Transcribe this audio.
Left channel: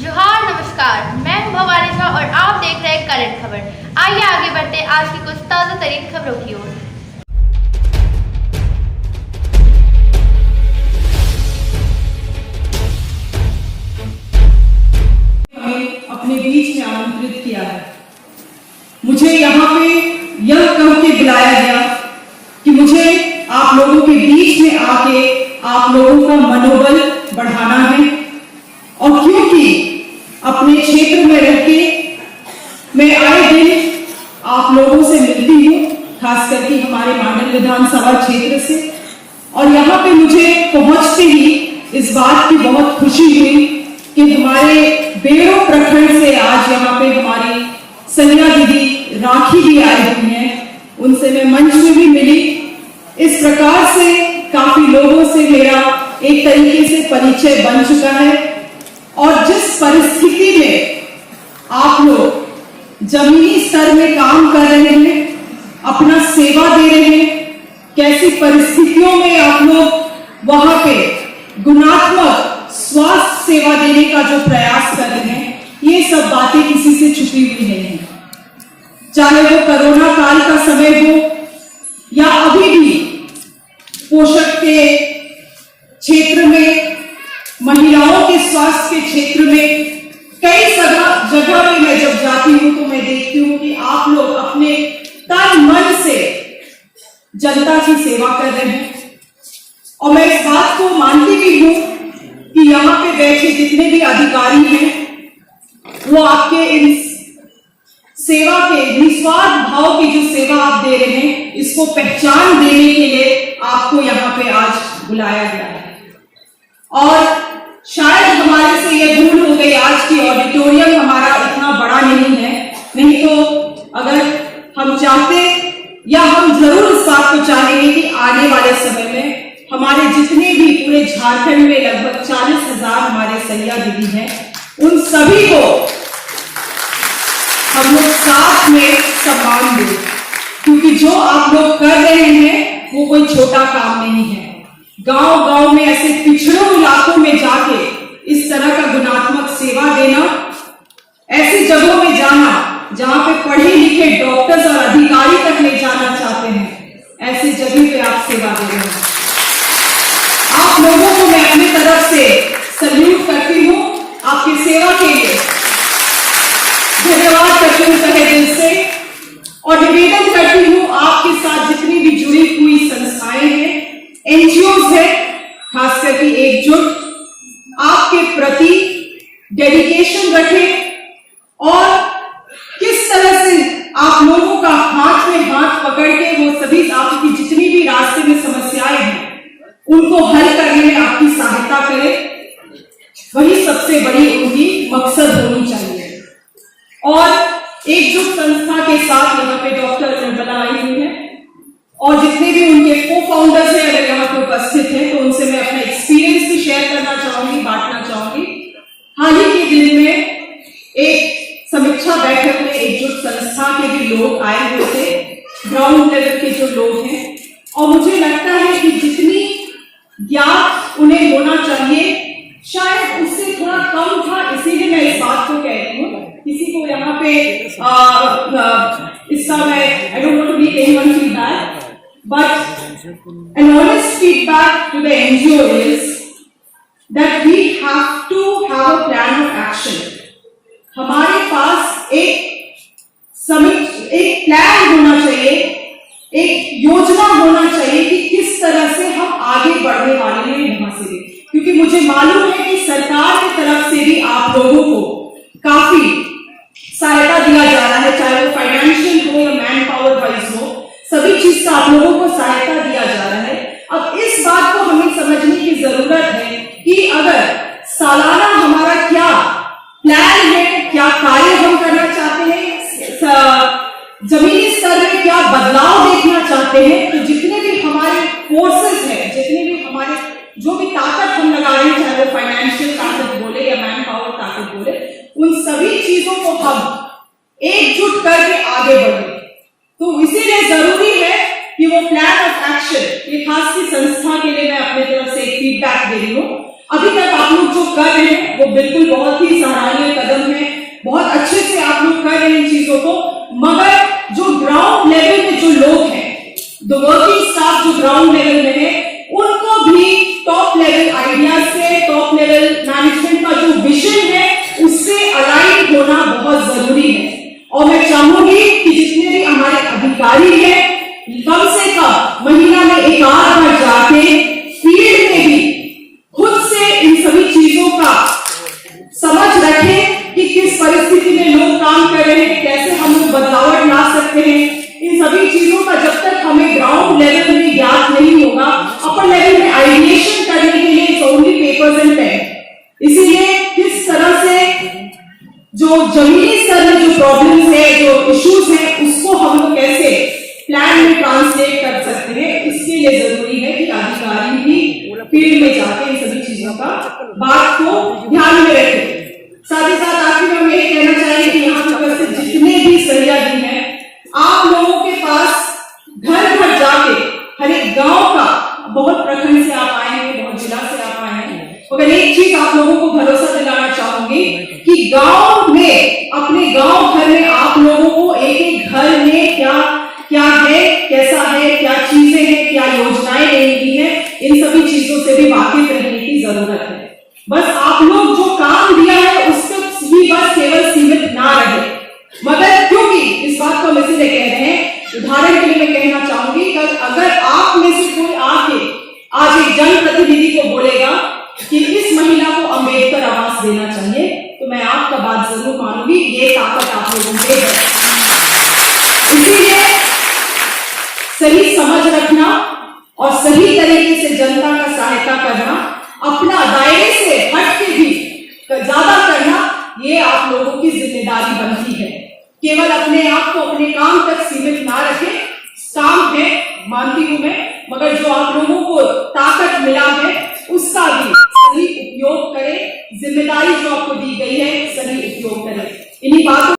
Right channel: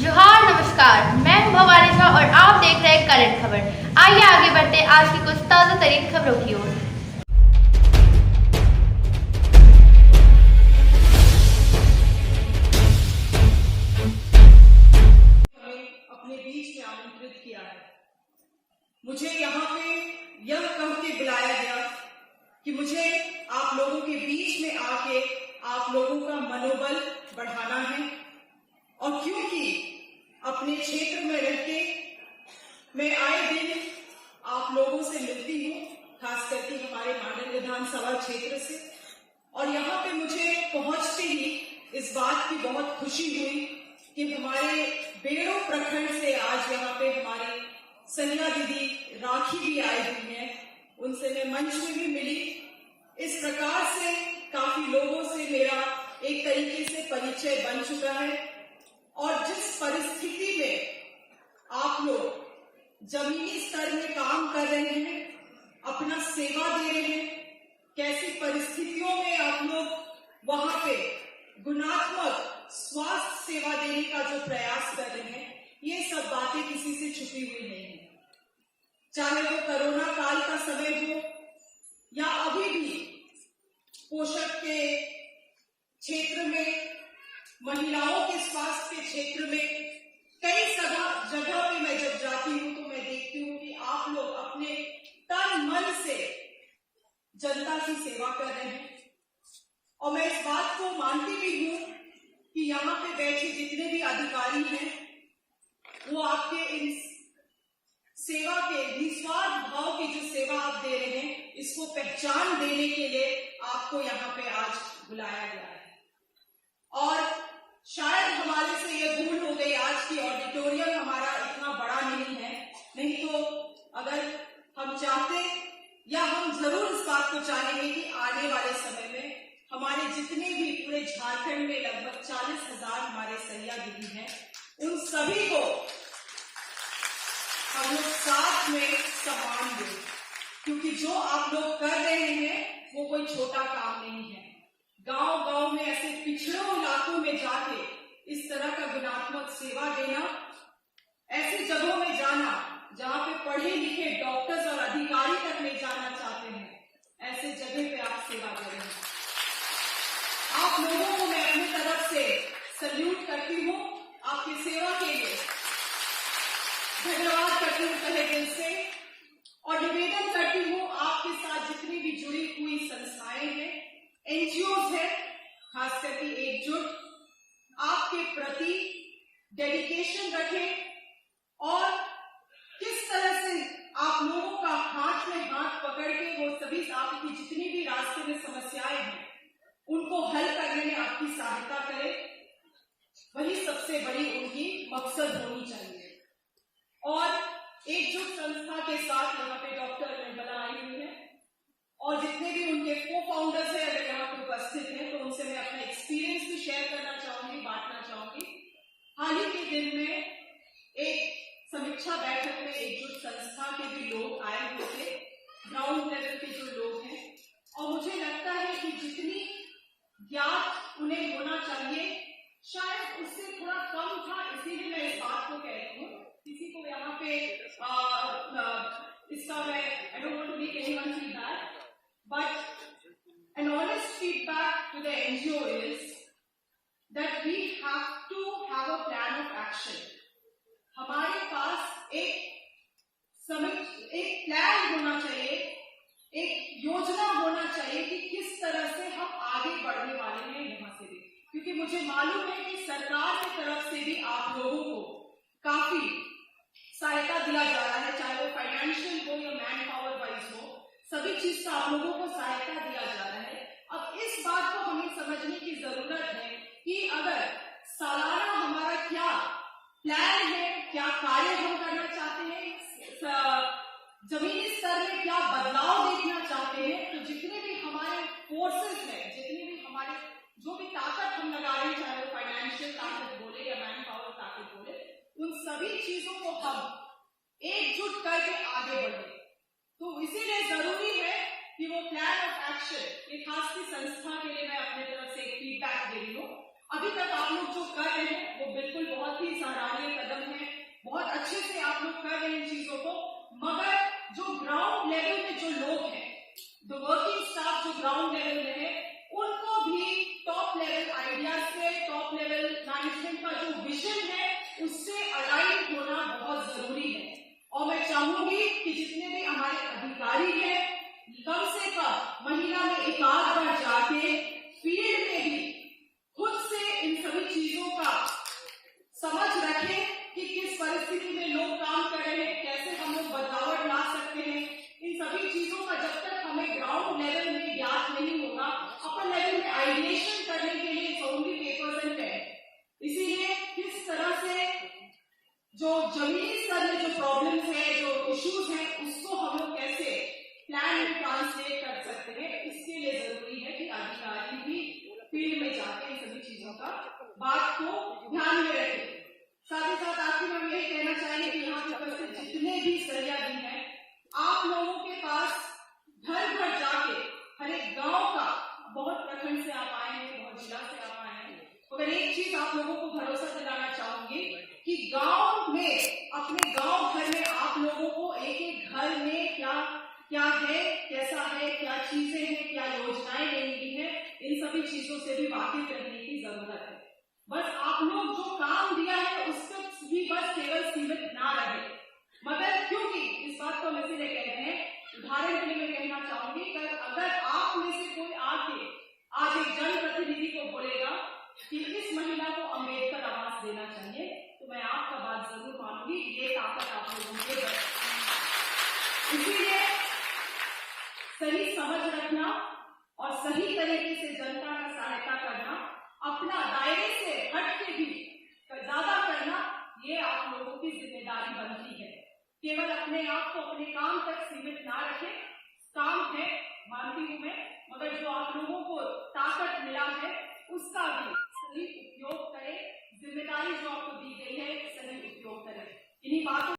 जोहार नमस्कार, मैं हूं भवानी झा और आप देख रहे हैं करंट खबर। आइए आगे बढ़ते आज की कुछ ताज़ा तरीन खबरों की ओर। हमें अपने बीच में आमंत्रित किया है। मुझे यहाँ पे यह कह के बुलाया गया कि मुझे आप लोगों के बीच में आके आप लोगों का मनोबल बढ़ाना है, और क्योंकि अपने क्षेत्र में रह के मैं आए दिन आप लोगों से मिलती हूँ, खास करके हमारे मांडल विधानसभा क्षेत्र से, और यहाँ पे मुझे पहुंचते ही इस बात की बहुत खुशी हुई कि हमारे बेड़ो प्रखंड से आज यहाँ पे हमारी सनिया दीदी राखी भी आई हुई हैं। उनसे मैं मंच में भी मिली। इस प्रकार से काफी लोगों से मेरा एक तरीके से परिचय बन चुका है, और जिस परिस्थिति में आप लोग जमीनी स्तर में काम कर रहे हैं, अपना सेवा दे रहे हैं, कैसी परिस्थितियों में आप लोग वहां पे गुणात्मक स्वास्थ्य सेवा देने का जो प्रयास कर रहे हैं, ये सब बातें किसी से छुपी हुई नहीं है। चाहे वो कोरोना काल का समय हो या अभी भी पोषक के क्षेत्र में, महिलाओं के स्वास्थ्य के क्षेत्र में, कई जगह में मैं जब जाती हूँ तो मैं देखती हूँ कि आप लोग अपने तन मन से जनता की सेवा कर रहे हैं। और मैं इस बात को मानती भी हूँ कि यहाँ पे बैठे जितने भी अधिकारी हैं, वो आपके इन सेवा के निस्वार्थ भाव की जो सेवा आप दे रहे हैं, इसको पहचान देने के लिए आपको यहाँ पे आज बुलाया गया है। और शायद हमारे से ये भूल हो गई, आज की ऑडिटोरियम हमारा इतना बड़ा नहीं है, नहीं तो अगर हम चाहते या हम जरूर इस बात को चाहेंगे कि आने वाले समय में हमारे जितने भी पूरे झारखंड में लगभग 40,000 हमारे सैया दीदी हैं, उन सभी को हम लोग साथ में सम्मान दें, क्योंकि जो आप लोग कर रहे हैं वो कोई छोटा काम नहीं है। गांव गांव में ऐसे पिछड़ों इलाकों में जाके इस तरह का गुणात्मक सेवा देना, ऐसी जगहों में जाना जहां पे पढ़े लिखे डॉक्टर्स और अधिकारी तक ले जाना चाहते हैं, ऐसी जगह पे आप सेवा दे रहे हैं। आप लोगों को मैं अपनी तरफ से सल्यूट करती हूँ, आपकी सेवा के लिए धन्यवाद करती हूँ तहे दिल से, और निवेदन करती हूँ आपके साथ जितनी भी जुड़ी हुई संस्थाएं हैं, एनजीओ है, खास करके एकजुट आपके प्रति डेडिकेशन रखें, और किस तरह से आप लोगों का हाथ में हाथ पकड़ के वो सभी आपकी जितनी भी रास्ते में समस्याएं हैं उनको हल करने में आपकी सहायता करें, वही सबसे बड़ी उनकी मकसद होनी चाहिए। और एकजुट संस्था के साथ यहाँ पे डॉक्टर निर्मला आई हुई है, और जितने भी उनके को फाउंडर्स हैं अगर यहाँ पे उपस्थित हैं, तो उनसे मैं अपना एक्सपीरियंस भी शेयर करना चाहूंगी, बांटना चाहूंगी। हाल ही के दिन में एक समीक्षा बैठक में एकजुट संस्था के भी लोग आए हुए थे, ग्राउंड लेवल के जो लोग हैं, और मुझे लगता है कि जितनी ज्ञात उन्हें होना चाहिए शायद उससे थोड़ा कम था, इसीलिए मैं इस बात को कह रही हूँ। किसी को यहाँ पे इसका मैं I don't want to make anyone feel bad, but an honest feedback to the NGO is that we have to have a plan of action. हमारे पास एक प्लान होना चाहिए, एक योजना होना चाहिए कि किस तरह से हम आगे बढ़ने वाले हैं यहाँ से भी, क्योंकि मुझे मालूम है कि सरकार की तरफ से भी आप लोगों को काफी सहायता दिया जा रहा है, चाहे वो फाइनेंशियल हो या मैन पावर वाइज हो, सभी चीज का आप लोगों को सहायता दिया जा रहा है। अब इस बात को हमें समझने की जरूरत है कि अगर सालाना हमारा क्या प्लान है, क्या कार्य हम करना चाहते हैं, जमीनी स्तर में क्या बदलाव देखना चाहते हैं, तो जितने भी हमारे फोर्सेस हैं, जितने भी हमारे जो भी ताकत हम लगा रहे हैं, चाहे वो फाइनेंशियल ताकत बोले या मैन पावर ताकत बोले, उन सभी चीजों को हम एकजुट करके आगे बढ़े। तो इसीलिए जरूरी है कि वो प्लान ऑफ एक्शन, ये खास की संस्था के लिए मैं अपने तरफ से एक फीडबैक दे रही हूँ। अभी तक आप लोग जो कर रहे हैं वो बिल्कुल बहुत ही सराहनीय रखें कि किस परिस्थिति में लोग काम कर रहे हैं, कैसे हम लोग बदलाव ला सकते हैं। इन सभी चीजों का जब तक हमें ग्राउंड लेवल में ज्ञात नहीं होगा, अपर लेवल में आइडिएशन करने के लिए it's only papers and pen. इसीलिए किस तरह से जो जमीनी स्तर में जो प्रॉब्लम्स है, जो इश्यूज है, उसको हम लोग कैसे प्लान में ट्रांसलेट कर सकते हैं, इसके लिए जरूरी है कि अधिकारी भी फील्ड में जाके इन सभी चीजों का बात को ध्यान में रखें। साथ ही साथ आखिर में हम यही कहना चाहेंगे कि यहाँ पर उपस्थित जितने भी सहयोगी हैं, आप लोगों के पास घर घर जाके हर एक गांव का, बहुत प्रखंड से आप आए हैं, बहुत जिला से आप आए हैं, मगर एक चीज आप लोगों को भरोसा दिलाना चाहूंगी कि गांव में, अपने गांव घर में आप लोगों को एक एक घर में क्या क्या है, कैसा है, क्या चीजें हैं, क्या योजनाएं मिली है, इन सभी चीजों से भी वाकिफ रहने की जरूरत है। बस आप लोग जो काम दिया है उस तक ही बस केवल सीमित ना रहे। मगर क्योंकि इस बात को हम इसीलिए कह रहे हैं, उदाहरण के लिए मैं कहना चाहूंगी कि अगर आप में से कोई आके आज एक जनप्रतिनिधि को बोलेगा कि इस महिला को अंबेडकर आवास देना चाहिए, तो मैं आपका बात जरूर मानूंगी, ये ताकत आप लोगों में है। इसीलिए सही समझ रखना और सही तरीके से जनता का सहायता करना, अपना दायरे से हट के भी ज्यादा करना, ये आप लोगों की जिम्मेदारी बनती है। केवल अपने आप को अपने काम तक सीमित ना रखें। काम है, मानती हूं मैं, मगर जो आप लोगों को ताकत मिला है उसका भी सही उपयोग करें। जिम्मेदारी जो आपको दी गई है, सही उपयोग करें। इन्हीं बातों